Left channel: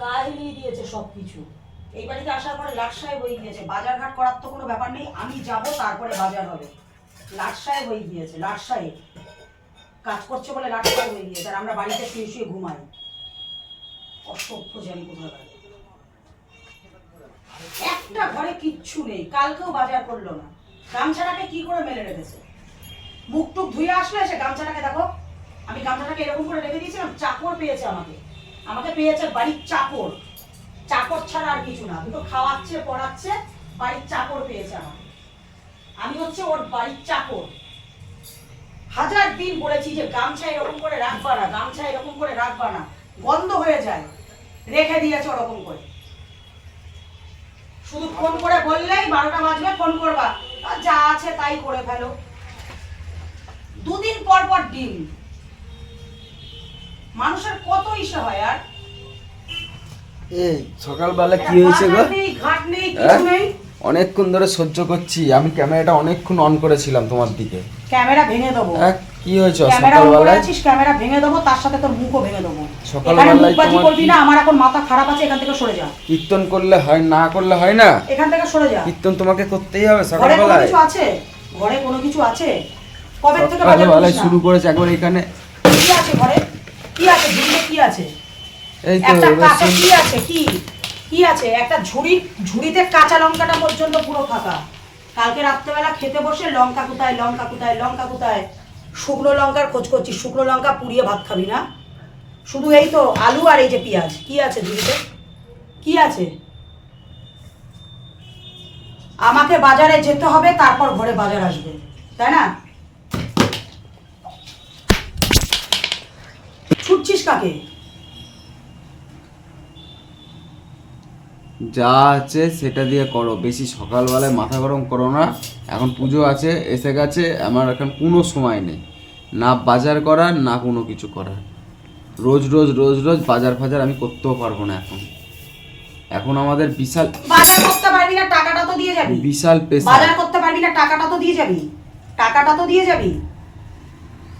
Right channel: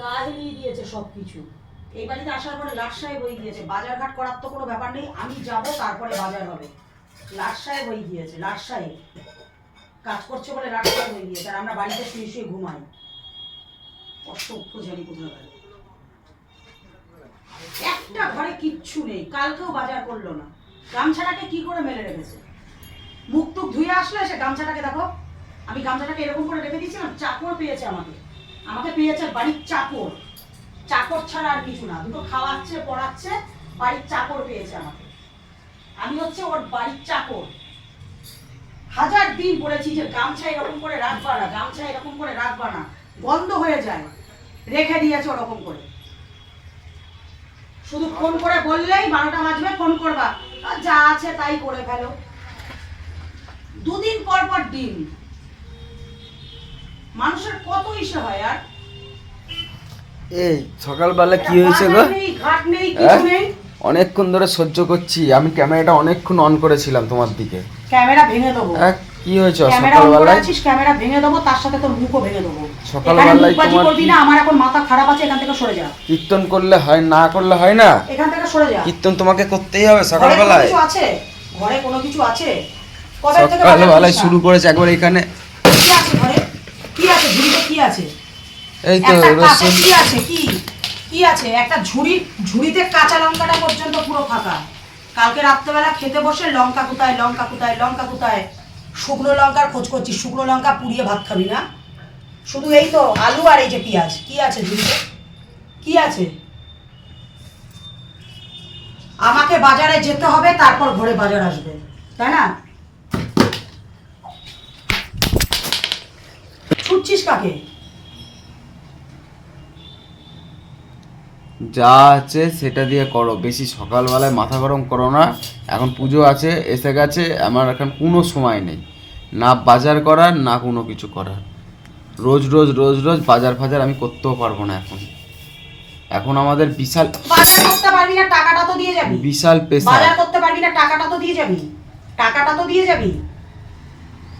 হিলিয়ে দিয়েছে সবকিছু। এই বাড়িতে আসার পরে লাট সাহেব হয়ে গিয়েছে। বাজার ঘাট করার তো কোনো ব্যাপার নেই, আমি যাব তারপরে বাজার হবে। লাট সাহেব হয়ে গিয়েছে লাট সাহেব কাজ করছে বলে লাট সাহেব হয়ে গিয়েছে, আর আমরা বাড়িতে শুয়ে শুয়ে ঘুমাই। একটা ঘরে কিচ্ছু নেই, কালকেও বাজার করল না। গামছাটাকে কি করে মেলে রেখেছে? মুখ টুক ধুয়ে আসলে সে গামছাটাকে, দেখো। আমি গামছাটাকে এরকম করে রেখে দিয়েছিলাম, চাকর পেয়েছে আমাকে। আমাকে পেয়েছে বাড়ির চাকর। চাকর ছাড়া আর কিছু না, দুটো খাওয়াচ্ছে, পড়াচ্ছে, বাড়ির চাকর পেয়েছে আমাকে। আমি হচ্ছে ওর বাড়ির চাকর। হাজার দিন বলেছি যে গামছা এরকম করে রাখবা না গামছা এরকম করে রাখবা না। গন্ধ হয়ে যায়, রেখে দিয়েছে ওরকম করে। শুধু ফোন করে বললেই বারোটা বাজবে, ফোন করবা। যা আছে তাই করে ফেলো। দুদিন পর পর ডিম। মানুষের কত ইসে হয় আর? এই সকালবেলা কি হয়েছে গো? ঘাট নেই কিছু হ্যাঁ? নেই। অনেকক্ষণ ধরে সহ্য করছি আমি ক্যামেরাটা অনেকক্ষণ অন করেছিলাম তোমার দিকে। ক্যামেরা ভেঙে দেবো। হ্যাঁ কি হয়েছে সকালবেলায়? ক্যামেরা ভেঙে দেবো তার সাথে তোর মুখও ভেঙে দেবো। সকালবেলায় তোমার করবি না আমার এখন মাথা খারাপ আছে এখান থেকে সরে যা। কীর্তন করলে হয় না করলে হয় না? এখান থেকে সরে যা। কীর্তন তোমাকে করতেই হবে সকালবেলায়। কিছু আছে? ঘরে কোনো কিছু আছে? কবে থেকে সকালবেলায় শুরু করেছে একবার এখানে। কি আছে ঘরে কি আছে ঝুড়িতে কি আছে এই তো রসুন। কি আছে? কি? কি আছে? একটা ঝুড়ি ঝুড়িতে কাঁচা লঙ্কাটা পর্যন্ত পুরো ফাঁকা। কালকে রাত্রেবেলা খেতে বসে লঙ্কা কোথায় লঙ্কা কোথায় লঙ্কা কোথায়? শুকনো লঙ্কার খোঁজ করছিস শুকনো লঙ্কা পুড়িয়ে ভাত খাবি না? শুধু এই তো আলু আর এই যে পেঁয়াজ কি আছে ঝুড়িতে? কি আছে? আমাকে বাজারে যেতে হবে তারপর ঘরে বাজার আসবে। তাই না? ছুটছিস কাকে? যা আছে সেটা দিয়ে করো। বেশি সকালবেলায় মাথা গরম করো না। এখন পুজো আছে এসে গেছে আমার এখন কোনো সময় নেই। না বাজার করার না কোনো কিছু করার। রোজ রোজ রোজ রোজ বাজার ফাজার আমি করতেও পারব না এখন। এখন আমাদের বিশাল বাজার করতে পারবি না টাকাটা তো দিয়ে যাবি। বিশাল পেশা। বাজার করতে পারবি না টাকাটা তো দিয়ে যাবি। টাকাটা তো দিয়ে যাবি।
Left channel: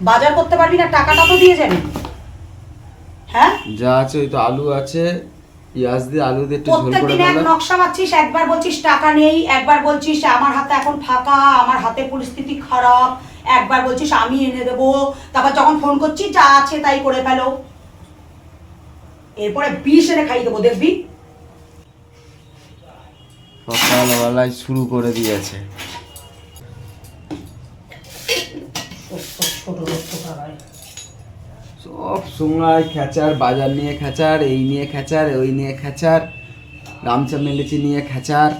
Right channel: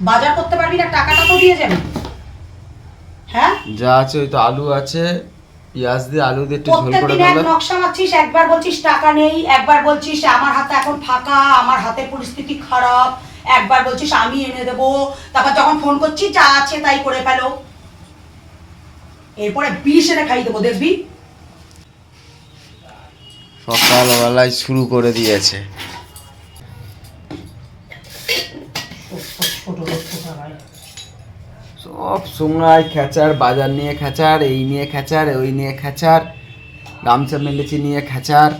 বাজার করতে পারবি না টাকাটা তো দিয়ে যাবি। হ্যাঁ? যা আছে ওই তো আলু আছে পেঁয়াজ দিয়ে আলু দিয়ে একটু ঝোল করে প্রত্যেকদিন নকশা মারছিস একবার বলছিস টাকা নেই একবার বলছিস আমার হাতে এখন ফাঁকা আমার হাতে পরিস্থিতি খারাপ একবার বলছিস আমি এনে দেবো তারপর যখন ফোন করছিস যা আছে তাই করে ফেলো। এরপরে বিষ এনে খাই দেবো দেখবি? সকালবেলায় শুরু করে দিয়েছে। ছোট লোক কোথাকার। সব সময় খেচার বাজার নিয়ে খেচার এই নিয়ে খেচার ওই নিয়ে খেচার গামছা মেলেছি নিয়ে খেচার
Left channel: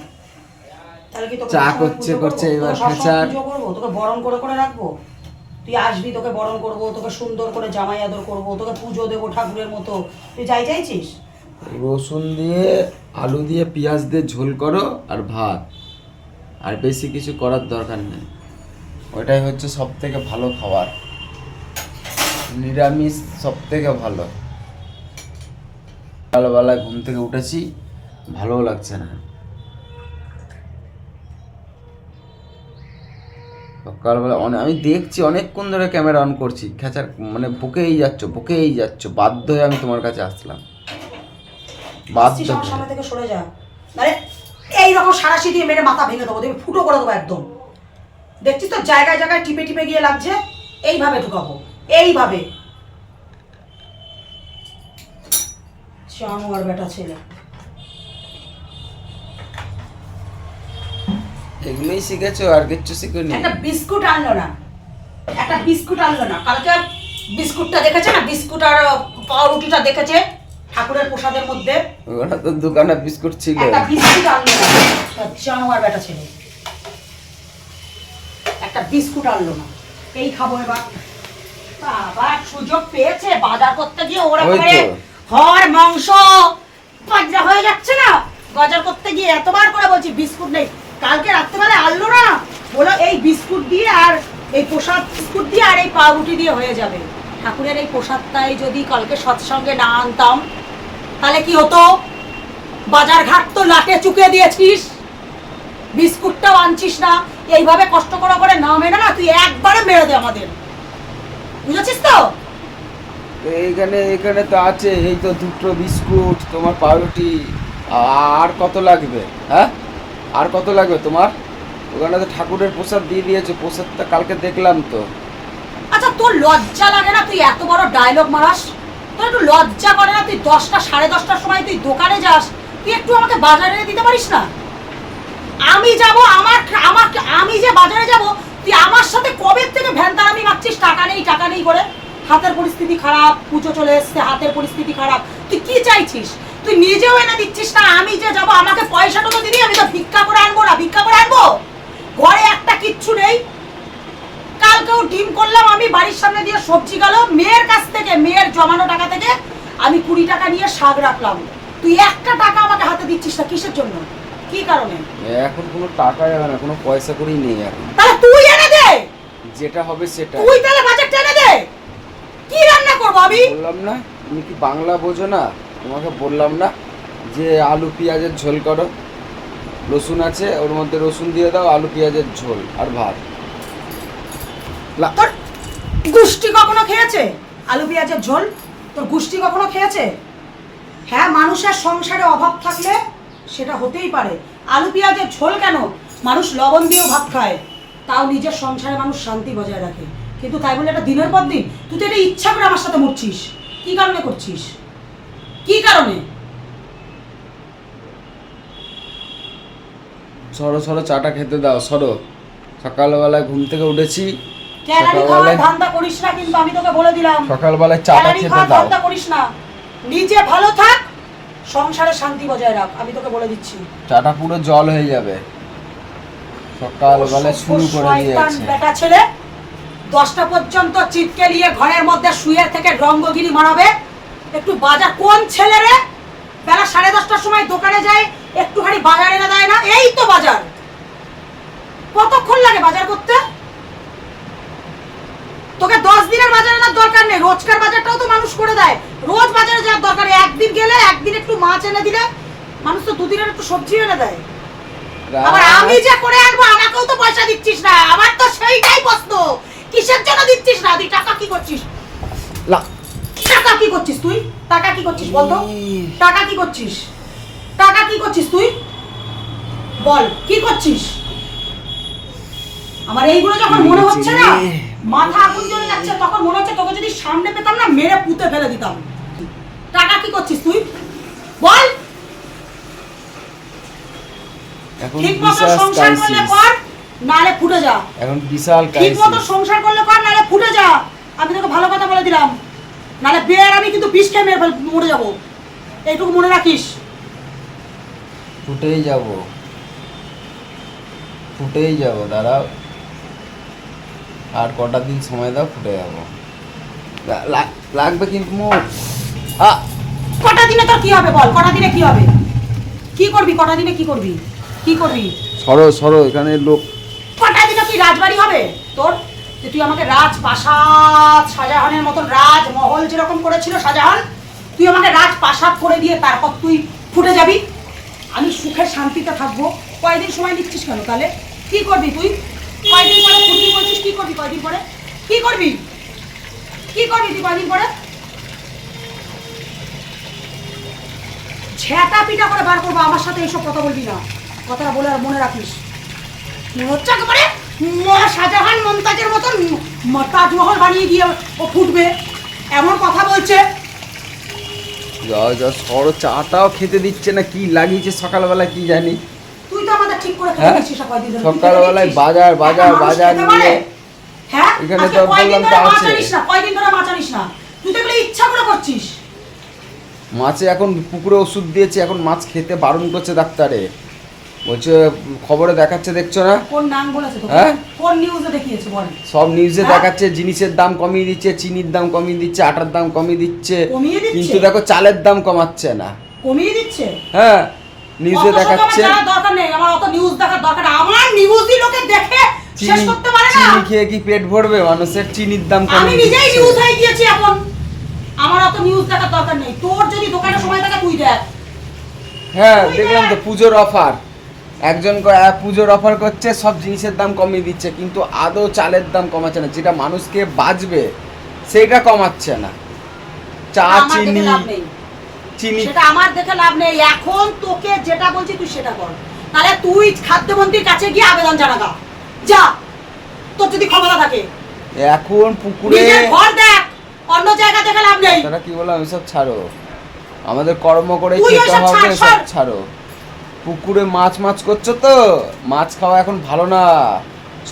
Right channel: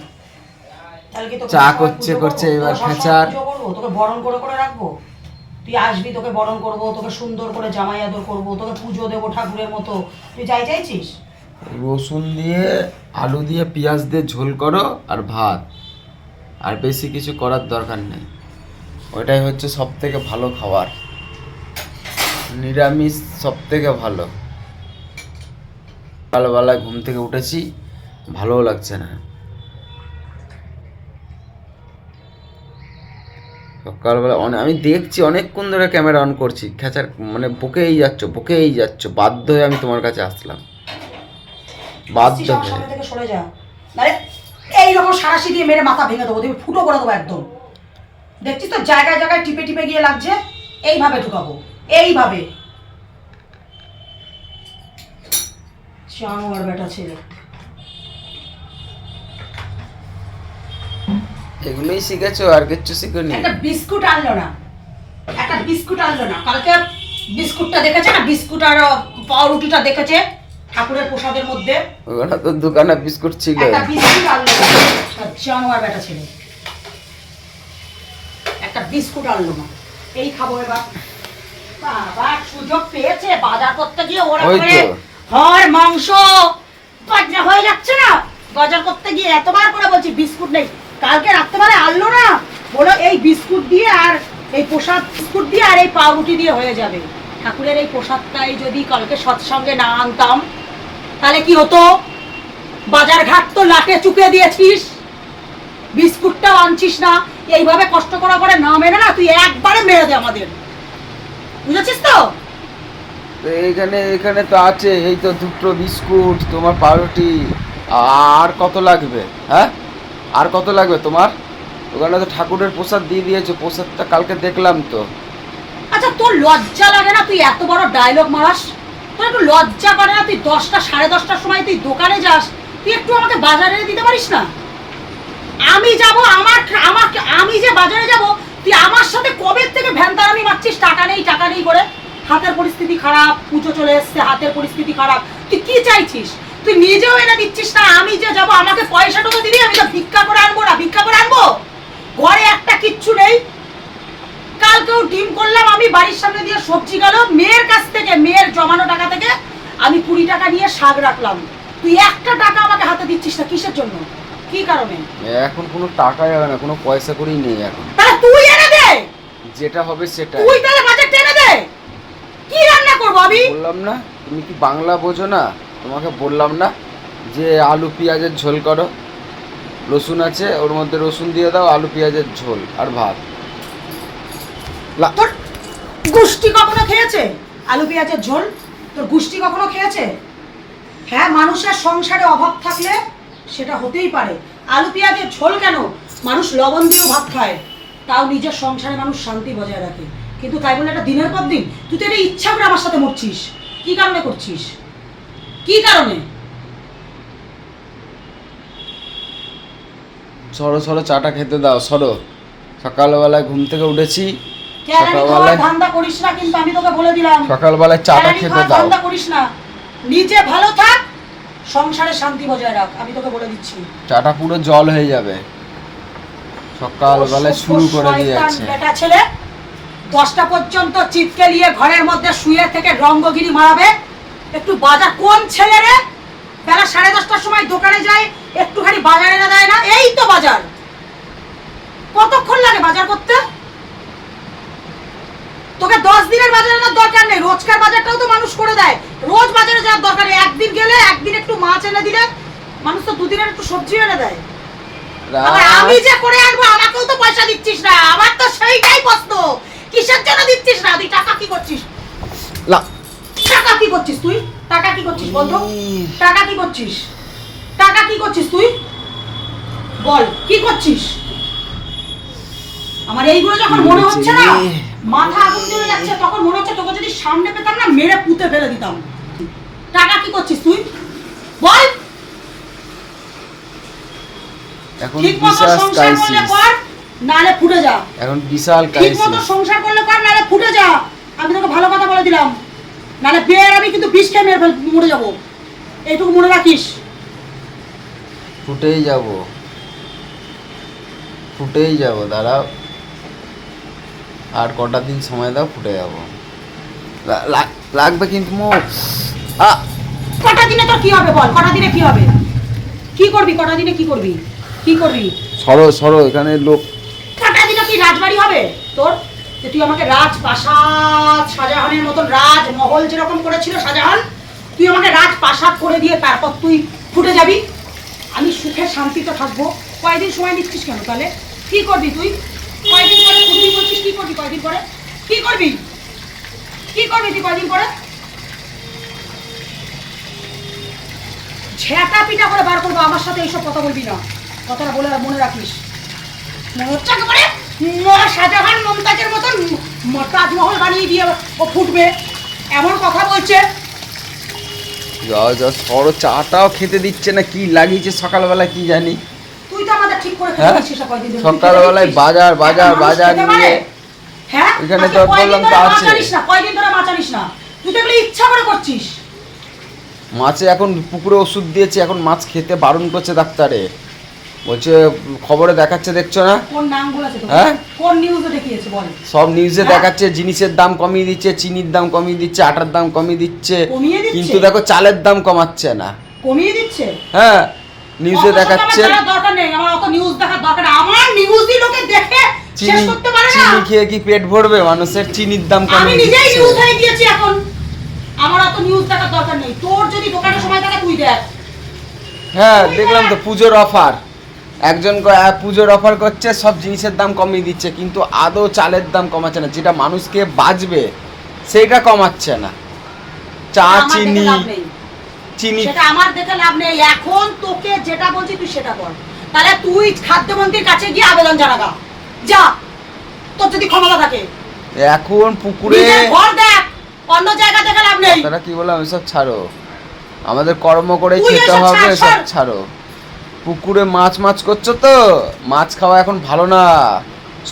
চা করছে, করছে, এবার খেচার। তোকে বরণ করে করে রাখব? তুই আসবি তোকে বরণ করব তোকে সুন্দর করে জামাই আদর করব তোকে পুজো দেবো ঠাকুরের মতো। তুই যাই চাইছিস? রসুন দিয়ে আলু দিয়ে পেঁয়াজ দিয়ে ঝোল করো আর ভাত। আর বেশি কিছু করার দরকার নেই। ওইটাই হচ্ছে সব থেকে ভালো খাবার। নিরামিষ সব থেকে ভালো। সকালবেলায় ঘুম থেকে উঠেছি ভালোও লাগছে না। সকালবেলা অনেক আমি দেখছি অনেকক্ষণ ধরে ক্যামেরা অন করছি খেচার মানে বকেই যাচ্ছ বকেই যাচ্ছ বাধ্য হয়ে আমি তোমার কাছে আসলাম। বাধ্য হয়ে। সরে যা। আরে এইরকম সারাশি দিয়ে মেরে মাথা ভেঙে দেবো দেখবি ফুটো করে দেবো একদম। দেখছিস তো জায়গায় জায়গায় টিপে টিপে গিয়ে লাগছে এইভাবে ঢুকাবো। এইভাবে। জানোয়ার বেটা ছেলে। এগুলোই শিখেছো আর কিচ্ছু শিখোনি? একটা বিস্কুট আনলো না। একটা বিস্কুট আনলো না। কালকে বিস্কুটটা দেখেছে না? বিস্কুট আর পাউরুটিটা দেখেছে ঠাকুরের প্রসাদের মধ্যে। ওখানে তো দোকানে বিস্কুট ছিল। একটা বিস্কুট আনলো জানোয়ার বেটা ছিল। একটা বিস্কুট আনলো না। এই খাব এবার। বাবা সুযোগ পেয়েছে বাজার করতে গিয়ে ওরা ওই করে তো। হাড় মাংস হয়ে যাচ্ছে না। করতে গিয়ে এতবার করে বলছি বিস্কুট নেই। কালকে রাত্রেবেলা আনলো না? বলো এই বিস্কুট দিয়ে আর এই প্রসাদ বিস্কুট দিয়ে আর এই পাউরুটি দিয়ে হয়ে যাবে। ঠাকুরের এই প্রসাদটাই যদি কালকে সৎসঙ্গে না আনতাম তাহলে কি হতো? বাজার ঘাট তো লাটে চুকে দিয়েছিস। বিস্কুটটাও আনছিস না। এইভাবে কষ্ট করা করে না মেরে না তুই একবারে মেরে দে আমাদের। বুঝেছিস তো? তো এইখানে এখানে তো আছে এই তো দুটো বিস্কুট তোমার পাউরুটি। আর কত লাগবে হ্যাঁ? আর কত লাগবে তোমার? ওখানে তো ঠাকুরের প্রসাদ দিয়ে দিয়েছে প্রসাদটা কালকে দেখলাম তো। আচ্ছা তোর লজ্জা লাগে না তুই এত বড় ডায়লগ মারাস? তোর একটু লজ্জা করে না তুই দশটা সাড়ে দশটার সময় তুই দোকানে যাস? তুই একটু আমাকে বাজারে দিতে পারিস না? আমি যাব আমার আমার আমি যে বাজারে যাব তুই আমার সাথে কবে থেকে ভ্যানটা আমি মারছিস? টাকা নেই টাকা নেই করে। হাতের পরিস্থিতি খারাপ, পুজো চলে এসছে, হাতের পরিস্থিতি খারাপ। তুই কি চাইছিস? তুই নিজেও এনে দিচ্ছিস না, আমি যে যাব, আমাকে পয়সাটুকু দিবি, আমি তো ভিক্ষা করে আনব না, ভিক্ষা করে আনব? ঘরে একটা কিচ্ছু নেই। কালকেও ডিম করলাম, আমি, বাড়ির সামনে দিয়ে সবজি গেল। মেয়ের কাছ থেকে, মেয়ের জমানো টাকা থেকে আমি কুড়ি টাকা নিয়ে শাক রাখলাম। তুই একটা টাকা আমাকে হাতে দিচ্ছিস না, কিসের জন্য? কি কারণে? এখন কোনো টাকা যাবে না, কোনো পয়সা করেই নেই এখন। যেটা হবে সেটা তুই তাহলে বাজার এনে দে। কি রান্না করব আমি? বললাম না তুমি কি বাংলা বোঝো না? তোমাকে বললাম না যে আলু পেঁয়াজের ঝোল করো। রসুন আছে ওর মধ্যে রসুন দিয়ে দাও আলু পেঁয়াজের ঝোল আর ভাত। তোর গুষ্টি কখনো খেয়েছে? আলু পেঁয়াজের ঝোল? তোর গুষ্টি কখনো খেয়েছে? হ্যাঁ মানুষের সংসারে অভাব থাকলে সেটা হতেই পারে। আলু পেঁয়াজের ঝোল কেন? মানুষ লবণ দিয়েও ভাত খায়। তাও নিজের সংসারে মানুষ শান্তি বজায় রাখে। কিন্তু তাই বলে এটা দিনের পর দিন তুই তো এটা ইচ্ছা করে আমার সাথে মরছিস। কি কারণে করছিস? কি কারণে? সরো সরো চাটা খেতে দাও সরো। সকালবেলায় ঘুম থেকে উঠেছি সকালবেলায় ধান্দা করিস না কিন্তু আমি তোকে বলে দিলাম। সকালবেলায় চাটা খেতে দাও। ধান্দা করিস না। নিজে ভালো থাক সংসারে শান্তি বজায় রাখ আমি তোকে বলে দিচ্ছি। চাটা পুরো জল হয়ে যাবে। সকালবেলায় শুরু করে দিয়েছে। বেটা ছেলে দশটা পর্যন্ত চিপকে নিয়ে ঘরের মধ্যে শুয়ে থেকে রঙ্গগিরি মারাবে। একটু বাজার কোন ছেলে রে? বেলা সাড়ে দশটার সময় দোকানে যায় একটুখানি বাজার এনে দেয় না এই তো বাজার। কতক্ষণ লাগে বাজার করতে? তোকে দশ দিনের বাজার আনার দরকার নেই রোজকার বাজারটাও তো মানুষ করে দেয়। রোজ বাজারে যাওয়ার দরকার একদিন গেলে একদিন একটু মাছ এনে দিলে মানুষ তো দুদিনের একটু সবজি এনে দেয়। আমি যে করে আনব আমাকেও তো পয়সা দিচ্ছিস না। আমার তো সেইটাই প্রশ্ন। কিসের জন্য দিচ্ছিস না? তুই টাকা কি করছিস? লা- টাকা কি করছিস তুই? টাকা কি করছিস উম। টাকা কি করছিস? টাকা কি করছিস তুই? বল কি করছিস? আমার এইগুলো যখন মনে হচ্ছে না মাথা আগুন জ্বলে যাচ্ছে তখন মনে হচ্ছে তোকে যদি সামনে পেতাম না মেরে পুঁতে ফেলে দিতাম। টাকা কি করছিস তুই? বল। এখন ঠিক বিশাল ক্রাইসিস নালে ফুটে যা। এখন বিশাল ঠিক মতো সংসার করলে কর নালে ফুটে যা। আমি তোকে ভালো কথা বলে দিলাম। নালে বের আমি কিন্তু বিষ খেয়ে মেরে মরে যাব। এইটুকু মনে রাখিস। ফুটেই যাব। ফুটেই যাব দাঁড়াও। আর কটা দিন সময় দাও ফুটে যাব। লাগবে কিন্তু মো আ কটা দিনে তোর কি হবে বল? কটা দিনে কি হবে? কি করবি? কটা দিনে কি করবি? কি করবি? সরো সরো এখানে লোক। কি রাজবাড়ি হবে? তোর? যে তুই আমাকে রাজ প্রাসাদ শাহজাহানের মতন রাজ মহল যেরকম করেছিল শাহজাহান তুই আমাকে রাজ প্রাসাদ করে দিয়ে তারপর তুই ফুটে যাবি। আমি সুখে শান্তিতে থাকব। কয়দিন সময় নিচ্ছিস কেন তাহলে? কি করবি তুই? কয়দিন পরে ফুটবি বলছিস? কি করবি কয়দিন পরে? কি করবি? কি করবি তুই কয়দিন পরে? ঝেঁটা পিটা করে বার করব আমার সাথে এইসব কথা বলবি না। কথাটা বলে মনে রাখিস। মনে হচ্ছে একেবারে শাহজাহান মমতাজের মতন তাজমহল বানিয়ে দিয়ে ও ফুটবে। এমন কথা বলছে। যা যা সরো চাটাও খেতে দিচ্ছে না কি লাগিয়েছে সকালবেলা কি জানি। তুই তো আমাদের ঠিক করে হ্যাঁ? সকালবেলায় বাজার, বাজার, বাজার নিয়ে। হ্যাঁ? এখানে তো বললাম তো আছে। কয়দিন ধরে না। তুই তো ইচ্ছা করে করছিস। মাছে এখন পুকুরে ওষুধ দিয়েছে এখন মাছ খেতে বারণ করছে ডাক্তারে। বলছে খবরে দেখাচ্ছে দেখছ না? হ্যাঁ? কোন নিউজে দেখিয়েছে বল? সব নিউজে হ্যাঁ? দেখাচ্ছে জিনিসের দাম কমিয়ে দিচ্ছে চিনির দাম কমিয়ে দিচ্ছে আটার দাম কমিয়ে দিচ্ছে। কিন্তু দেখো চালের দাম কমাচ্ছে না। কমিয়ে দিচ্ছে? হ্যাঁ নিউজে দেখাচ্ছে। চিনি চিনি খেয়ে কি পেট ভরবে? মানুষের চিনির দাম কমিয়ে দিচ্ছে। এখন। আমার অত নিউজ দেখার দরকার নেই। তোর যদি দোকানে সময় থাকে তুই দেখ। হ্যাঁ দেখলাম তো পুজোর অফার একজন পুজোর অফার করছে সব জিনিসের দাম কমিয়ে দিচ্ছে কিন্তু আদৌ চালের দাম কমাচ্ছে না। যেটা মানুষকে বাঁচবে সেটা কমাচ্ছে না। চা চিনি চিনি। সেটা আমার দেখে লাভ নেই। এখন তোকে যেটা বলছি তুই সেটা কর তাহলে তুই খাদ্যমন্ত্রীর কাছে গিয়ে আবেদন জানাগা। যা তোর যদি ক্ষমতা থাকে। এখন পুকুরে ঘর দেখ। অন্য জায়গা দেখে লাভ নেই। কথাটা কি বললাম? এসব ছাড়ো। আমাদের কর্ম করে খেতে হবে সব ছাড়। পুকুরে মাছ মাছ করছ তো? মাছ খাওয়া এখন ভালো না।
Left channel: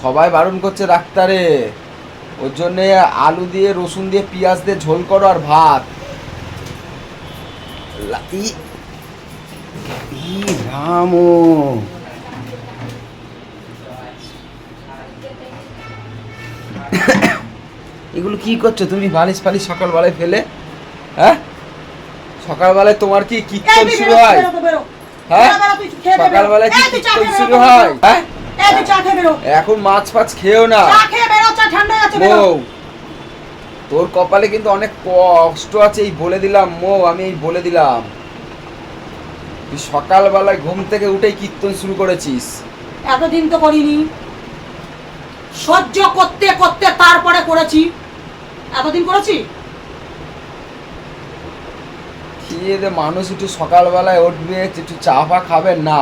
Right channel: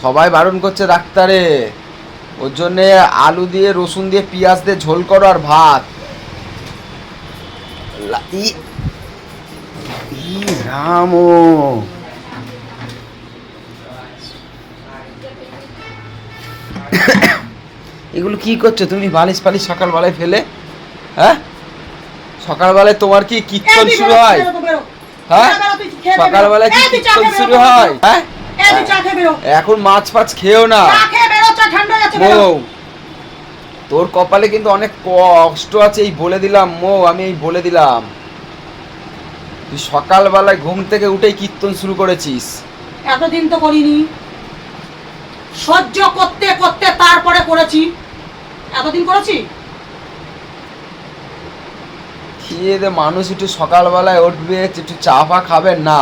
সবাই বারণ করছে ডাক্তারে। ওর জন্যে আলু দিয়ে রসুন দিয়ে পেঁয়াজ দিয়ে ঝোল করো আর ভাত। রাম। এগুলো কি করছ? তুমি বালিশ ফালিশ সকালবেলায় ফেলে? হ্যাঁ? সকালবেলায় তোমার কি কীর্তন শুরু হয়। হ্যাঁ? কি কীর্তন শুরু হয়? হ্যাঁ। এখন মাছ ফাছ খেও না। তোর কপালে কিন্তু অনেক কষ্ট আছে এই বলে দিলাম মৌ আমি এই বলে দিলাম। তুই সকালবেলায় ঘুম থেকে উঠেই কীর্তন শুরু করেছিস। এতদিন তো করিনি। সহ্য করতে করতে তারপরে করেছি। এতদিন করেছি? দে মানুষ একটু সকালবেলায় উঠবে, একটু চা ফা খাবে, না।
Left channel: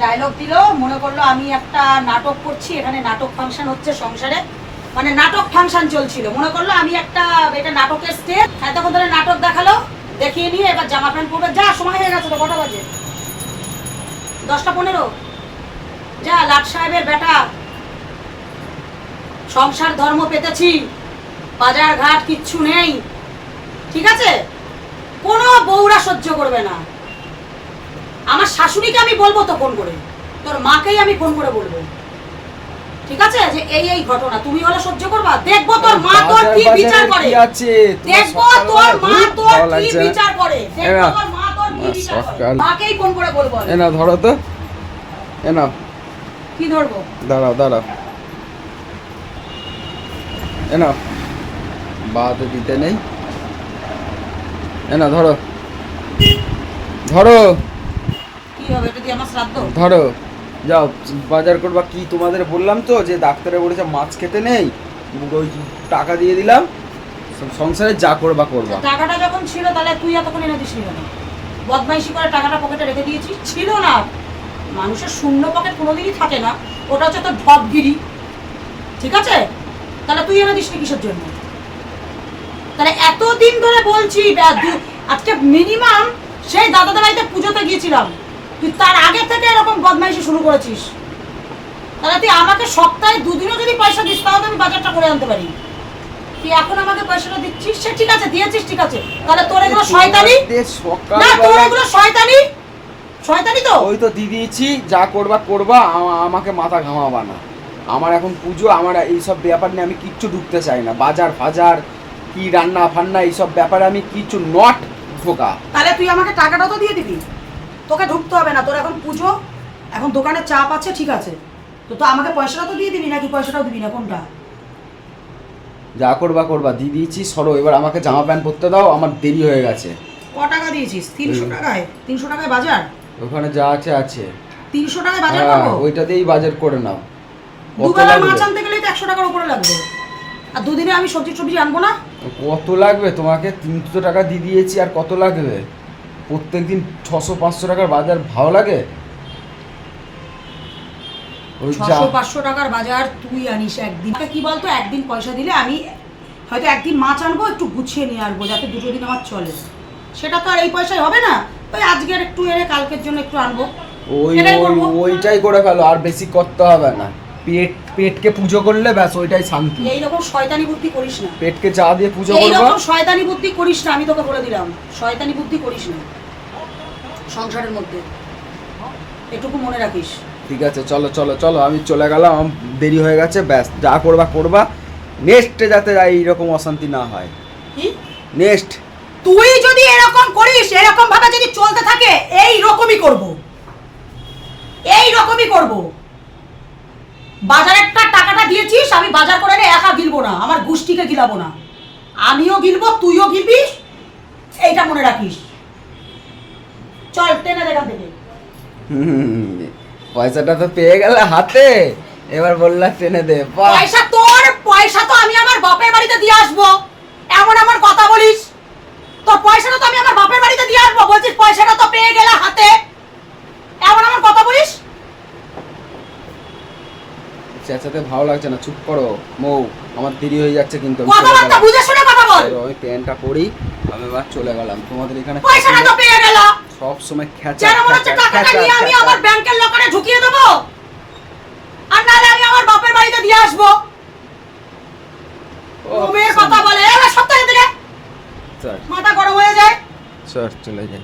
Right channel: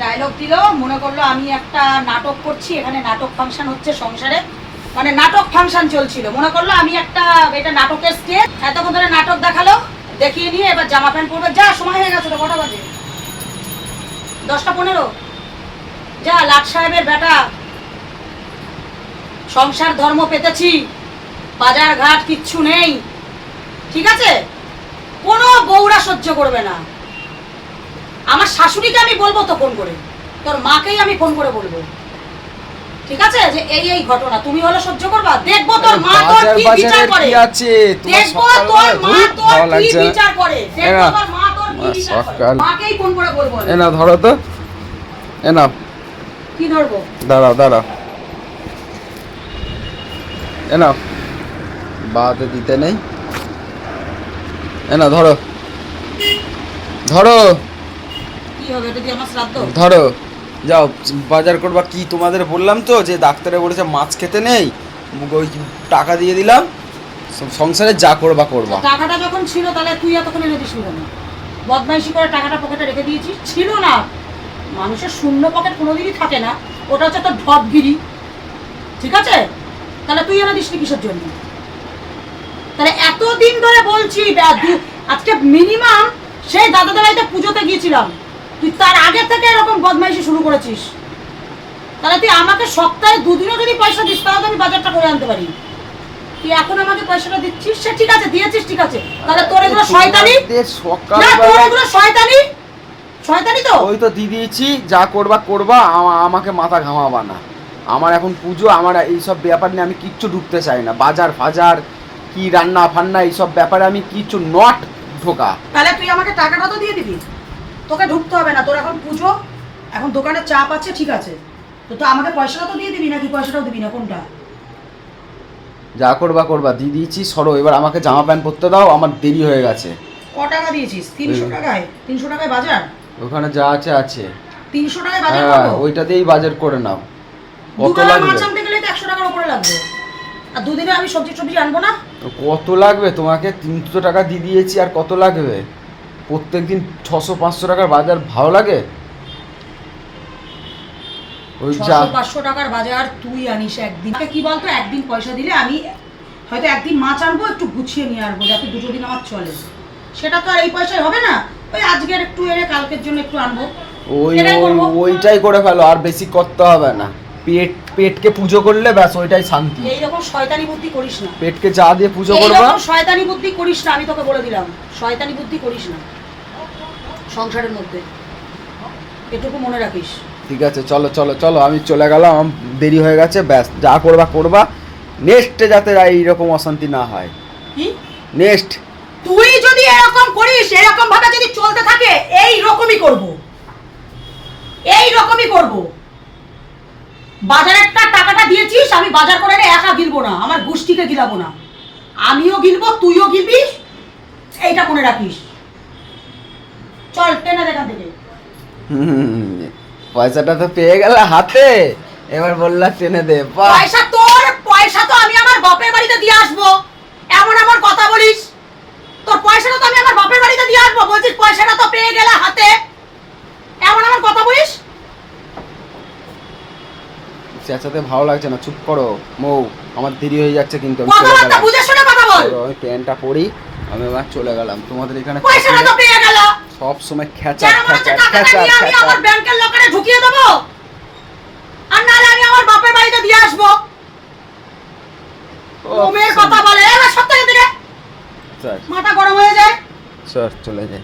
ডায়লগ দিল, মনে করল আমি একটা নাটক করছি, এখানে নাটক ফাংশন হচ্ছে সংসারে। মানে নাটক ফাংশন চলছিল, মনে করল আমি একটা এটা নাটকের স্টেজ এতক্ষণ ধরে নাটক দেখাল, দেখিয়ে নিয়ে এবার জামা প্যান্ট পরবে, যা, সময় হয়ে গেছে তো, কটা বাজে? দশটা পনেরো? যা, লাট সাহেবের বেটা। সংসার ধর্ম পেতেছি, বাজার ঘাট কিচ্ছু নেই। ঠিক আছে? কোনো বউরা সহ্য করবে না। আমার শাশুড়িকে আমি বলব তো ফোন করে। তোর মাকেই আমি ফোন করে বলব। ঠিক আছে? যে এই এই ঘটনা। তুমি হলো সহ্য করবা? দেখব তোর মা তোর কি বিচার করে। আছে? দেখব তোর মা তোর কি বিচার করে। দেখব তোর মা তোর কি বিচার করে। মাকেই ফোন করে বলব। এ না ধরো তো। এ না কি ধরবো? দাঁড়াও দাঁড়াও এ না বাতে দিতে নেই। না ধরো। ধরো। ধরো। যাও বাজার করবা কি তোমাদের বললাম তো যে ডাক্তারে বলেছে মাছ খেতে নেই ওই টাকা দিয়ে দিলাম সংসারে যা করবা করবা। টাকাটা যখন ছিল তাহলে তুই এতক্ষণ এনে দিস কেন? বদমাইশি করে টাকাটা পকেটে রেখে দিয়েছিস ছিল না। মানুষের শূন্য পকেট কোনোদিনই থাকে না ওটা হচ্ছে তোর ঢপগিরি। ঠিক আছে? তাহলে তুই এনে দিস কিসের জন্য? তাহলে এতদিন ধরে বলছি আজকে মিনিমাম সেই দাদা দাদাইতে পুজোতে গিয়েছিলাম। তুই তার আগে থেকে এরকম বদমাইশি শুরু করেছিস। তাহলে তুই আমাকে সপ্তাহে দুদিনও যদি পয়সা দিস তাহলে আমি বাজারটা করে আনতে পারি। তুই এখন আমাকে পয়সাটা দিচ্ছিস সে ঠিক আছে দিয়েছিস ঠিক আছে। তাহলে তোর এগুলো শয়তানি? তোমাদের না তোর এগুলো শয়তানি? শয়তানি তো? ওই তো দিয়ে দিয়েছি যা করবা করবা আমা- আমাকে মাথা ঘামাবা না। আমার এখন পুজো আমার এইসব ব্যাপার নিয়ে আমি কিচ্ছু ঢুকতে চাই না। বাজার ফাজার কি রান্না ফান্না এইসব ব্যাপারে আমি কিচ্ছু নট ঢোকা। তাহলে তুই আমাকে টাকাটা তো দিয়ে দিবি। তোকে ঢুকতে হবে না তোর এখন পুজো এখন দোকানে চাপ আছে ঠিক আছে। তো তো আমাকে পয়সাটা তো দিয়ে দিবি নাকি? পয়সাটাও দিবি না কোনটা? যা করবা করবা। দিয়ে দিয়েছি সরো। এবার আমাকে জামা প্যান্ট পরতে দাও আমার দেরি হয়ে গেছে। ক টাকা দিয়েছিস? তিনশো। টাকায়? তিনশো টাকায় বাজার? ওখানে যা আছে আছে। তিনশো টাকায় বাজার হ্যাঁ করব? ওইটা দিয়েই বাজার করে নাও। কত লাগবে? মাছ আনতে গেলেই তো একশো টাকার উপরে লাগবে। আর দুদিনে আমি সবজি সবজি আনব না? কত লাগবে? তোমাকে তিনশো টাকা দিয়ে দিয়েছি আর কত লাগবে? প্রত্যেক দিন ছশো পাঁচশো টাকার বাজার ভালো লাগে? ওই যা ছশো পাঁচশো টাকার বাজার তুই আনিস একদিন। কি বলতো? একদিন পয়সা দিলে আমি হয়তো একদিন মাছ আনব একটু গুছিয়ে নিয়ে আসব যাতে দুটো দিন আমার চলে। সেটা তো আর এই পয়সায় হবে না। ওই আজকের একটু এনে কালকের জন্য একটু আনব। ওই ওইটাই করে ফেলো আর বেশি করতে হবে না। পেট পেটকে পুজো করলে ব্যাস ওইটাই শান্তি। এইরকম শয়তানি বুদ্ধি করিস না। পেটকে চা দিয়ে পুজো করবা। শয়তানি বুদ্ধি করিস না আমি তোকে বলে দিলাম। শয়তানি বুদ্ধি করিস না। সংসারের মধ্যে। এটুকু মনে রাখিস। ঠিক আছে চলো চলো চলো আমি চলে গেলাম আমার দেরি হয়ে গেছে ব্যাস যা করবা করবা। নেক্সটে যাতে এইরকম অশান্তি না হয়। কি? নেক্সট তুই যদি এরকম করিস এরকম ভাবে যদি চলতে থাকে এই রকমই করব। এই রকমই করব। বাজারেরটা টাকাটা দিয়েছিস? আমি বাজার করে একা গিলবো না। আমার গোষ্ঠীকে গিলাবো না। আমিও গিলবো তুইও গিলবিস এইটা মনে রাখিস। চল টেনে দেখান থেকে। পয়সাটা তো পেয়ে গেলে হাতে। এবার বললা টেনে দে পয়সা তোর পয়সা তো আমি আমার বাপের বাড়িতে দিয়ে আসব। এমন আমার কথা বলিস? তোর পয়সাটা তো আমি আমার বাপের বাড়িতে দিয়ে আসব। বলছিস পয়সাটা তো পেয়ে গেলে হাতে এমন আমার কথা বলিস চেঁচাতে ভালো লাগছে না। চুপ করো মৌ আমার দেরি হয়ে যাচ্ছে কিন্তু আমি চলে গেলাম। আমি প্যান্টটা পরি আমি এবার চলে গেলাম। তোমাদের এখানে সব সময় খেঁচা খেঁচা খেঁচা খেঁচা। ব্যাংকের লকারে ঢুকিয়ে দেবো? আর নাহলে আমি আমার বাপের বাড়িতে দিয়ে আসব। ও, কথা বলে সপ্তাহে দিনে মাথা গরম হয়ে যায়। স্যার চলে যাই।